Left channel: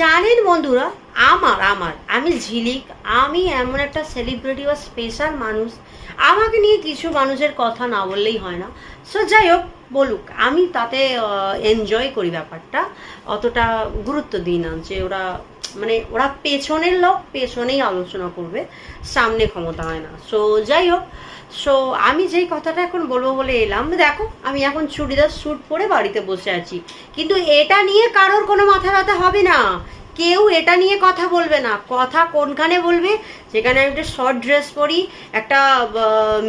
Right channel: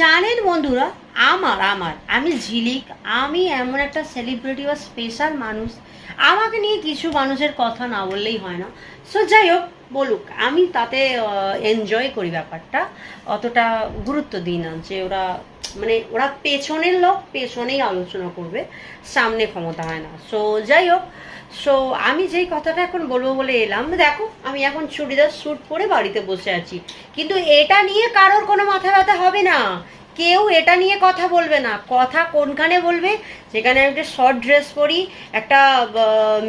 জানেন বন্ধুরা, আমি ঝিলিক, আমি এমন একটা সেলিব্রিটি বা স্পেশাল মানুষ, আমাকে নিয়ে কিছু মানুষের কথা না বললেই হয় না। সো যাই হোক, বলুক, আমি তাতে এনজয় করি ব্যাপারটা, অতটা গুরুত্ব দিই না যে ওরা পেছনের লোক, পেছনেই আলোচনা করবে, সামনে ক্ষমতা হয় না। সো যাই হোক, সো আমি যেই কথাটা এখন বলবো বলে এলাম, দেখো আমি এখন চুড়িদার স্যুট পরে বাড়িতে বসে আছি, কিন্তু এটা নিয়ে কারোর কোনো মাথা ব্যথা হবে না। কেউ এটা নিয়ে কথা বলবে না। কথা কোনখানে বলবে? যেখানে আমি একটা শর্ট ড্রেস পরি, একটা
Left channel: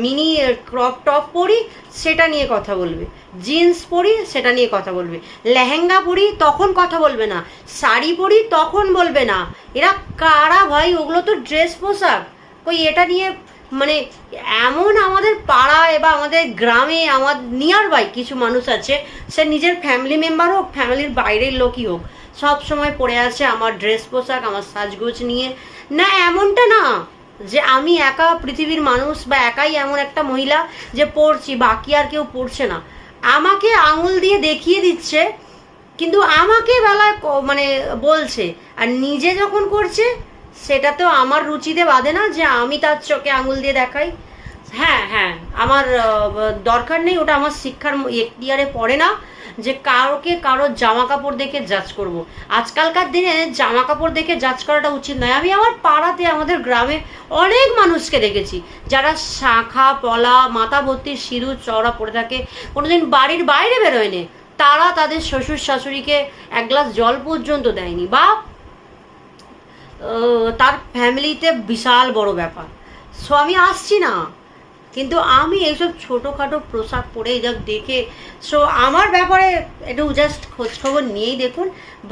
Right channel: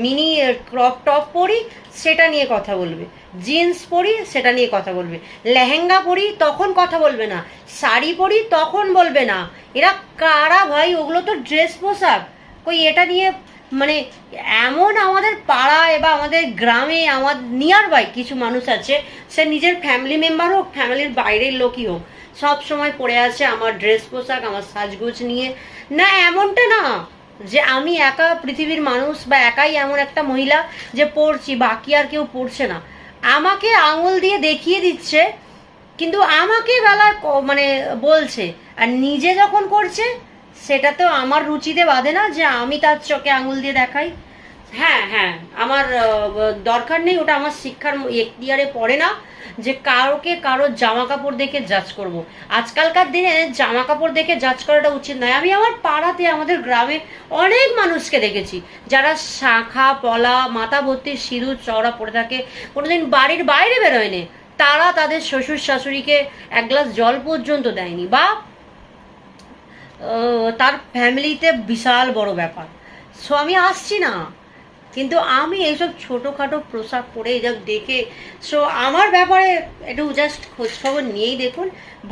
মিনি ক্রপ টপ পরি, সেটা নিয়ে কথা বলবে। জিন্স পরি, সেটা নিয়ে কথা বলবে। লেহেঙ্গা পরি, তখন কথা বলবে না। শাড়ি পরি, তখন বলবে না। এরা কারা ভাই? ওগুলো তো ড্রেস পোশাক। কই এটা নিয়ে মানে এমন আমাদের পাড়ায় বা আমাদের গ্রামে, আমার নিয়ার বাই কিছু মানুষ আছে, সে নিজের ফ্যামিলি মেম্বার হোক, ফ্যামিলির বাইরের লোকই হোক, সব সময় পড়ে আছে আমার ড্রেস পোশাক, আমার সাজগোজ নিয়ে। না, এমনটা না যে আমি একা পৃথিবীর মানুষ বা একাই এমন একটা মহিলা যে পড়ছি, বাকি আর কেউ পড়ছে না। আমাকে আঙুল দিয়ে দেখিয়ে দিচ্ছে, কিন্তু আমাকে বেলায় মানে বলছে, আর নিজে যখন করছে সেটা তো আমার রুচিতে বাঁধে না যে আমি তার চোখে আঙুল দিয়ে দেখাই। হ্যাঁ হ্যাঁ, আমার দরকার নেই, ওটা আমার শিক্ষার এখতিয়ারে পড়ে না যে কারোর জামা কাপড় দেখে জাজ করব। আজকালকার দিনে জামা কাপড় দেখে জাজ করাটা উচিত নয়। আমি আমার পাড়াতে, আমাদের গ্রামে অনেক মানুষকে দেখেছি যারা শাঁখা পলা, মাথা ভর্তি সিঁদুর চওড়া পড়ে থাকে, কোনোদিন বাড়ির বাইরে বেরোয়নি, তারা তাদের শ্বশুর শাশুড়িকে এক গ্লাস জল পর্যন্ত দেয়নি, বা তার ফ্যামিলিতে বিশাল বড় ব্যাপার। সো আমি আসছি না, কিন্তু আমি এইসব ছোটোখাটো পোশাক পরে এইসব দেখে, সো আমার ব্যাপারে একটু জাস্ট খোঁজখবর নিয়েই দেখুন,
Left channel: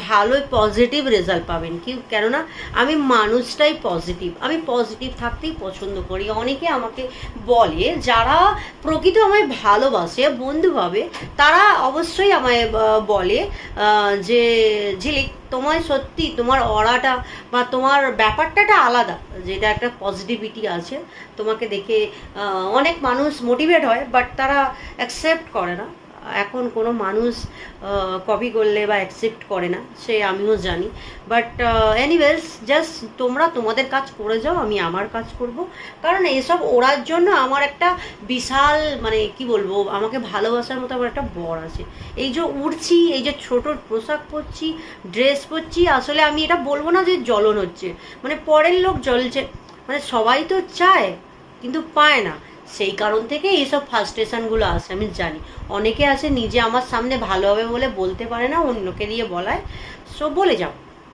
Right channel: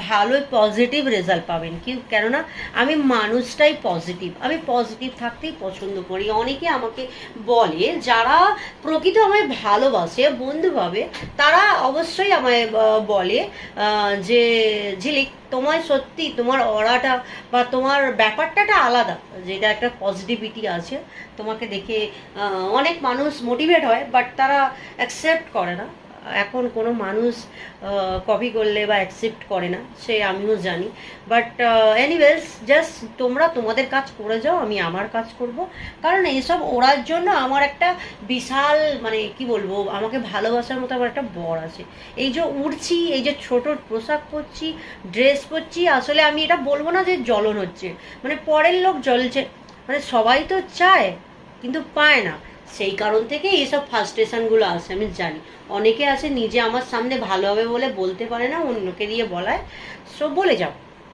ভালোই পজিটিভ রেজাল্ট পাবেন। কেননা আমি মানুষটাই পজিটিভ, আমি পজিটিভ থাকতেই পছন্দ করি। অনেকে আমাকে বলে, যারা প্রকৃত আমায় ভালোবাসে, বন্ধু ভাবে, তারা অবশ্যই আমায় বলে যে ঝিলিক, তোমায় সত্যি তোমার অরাটা বা তোমার ব্যাপারটা আলাদা, যেটা একটা পজিটিভিটি আছে তোমাকে দেখে। অনেক মানুষ মোটিভেট হয়, বাট তারা অ্যাকসেপ্ট করে না। এখন কোনো মানুষ কপি করলে বা অ্যাকসেপ্ট করে না, সে আমিও জানি। বাট এনিওয়েজ, জাস্ট তোমরা তোমাদের কাজ করে যাও, আমি আমার কাজ করব। কারণ এইসব ওড়ার জন্য আমার একটা বিশাল, মানে কি বলবো, আমাকে ভালোবাসার মতো আমার একটা বর আছে। এই যে উড়ছি, এই যে ছোট পোশাক পরছি, ড্রেস পরছি, আসলে আমি এটা বলবো না যে জ্বলন হচ্ছে, মানে পরের লোক জ্বলছে, মানে সবাই তো চায় কিন্তু পায় না। সেই কারণ থেকে এইসব ফার্স্ট্রেশনগুলো আসে, আমি জানি। অনেকে আছে নিজে আমার সামনে ভালো হবে বলে বলতে পারে না, অন্যকে দিয়ে বলায়। সো বলে যাও।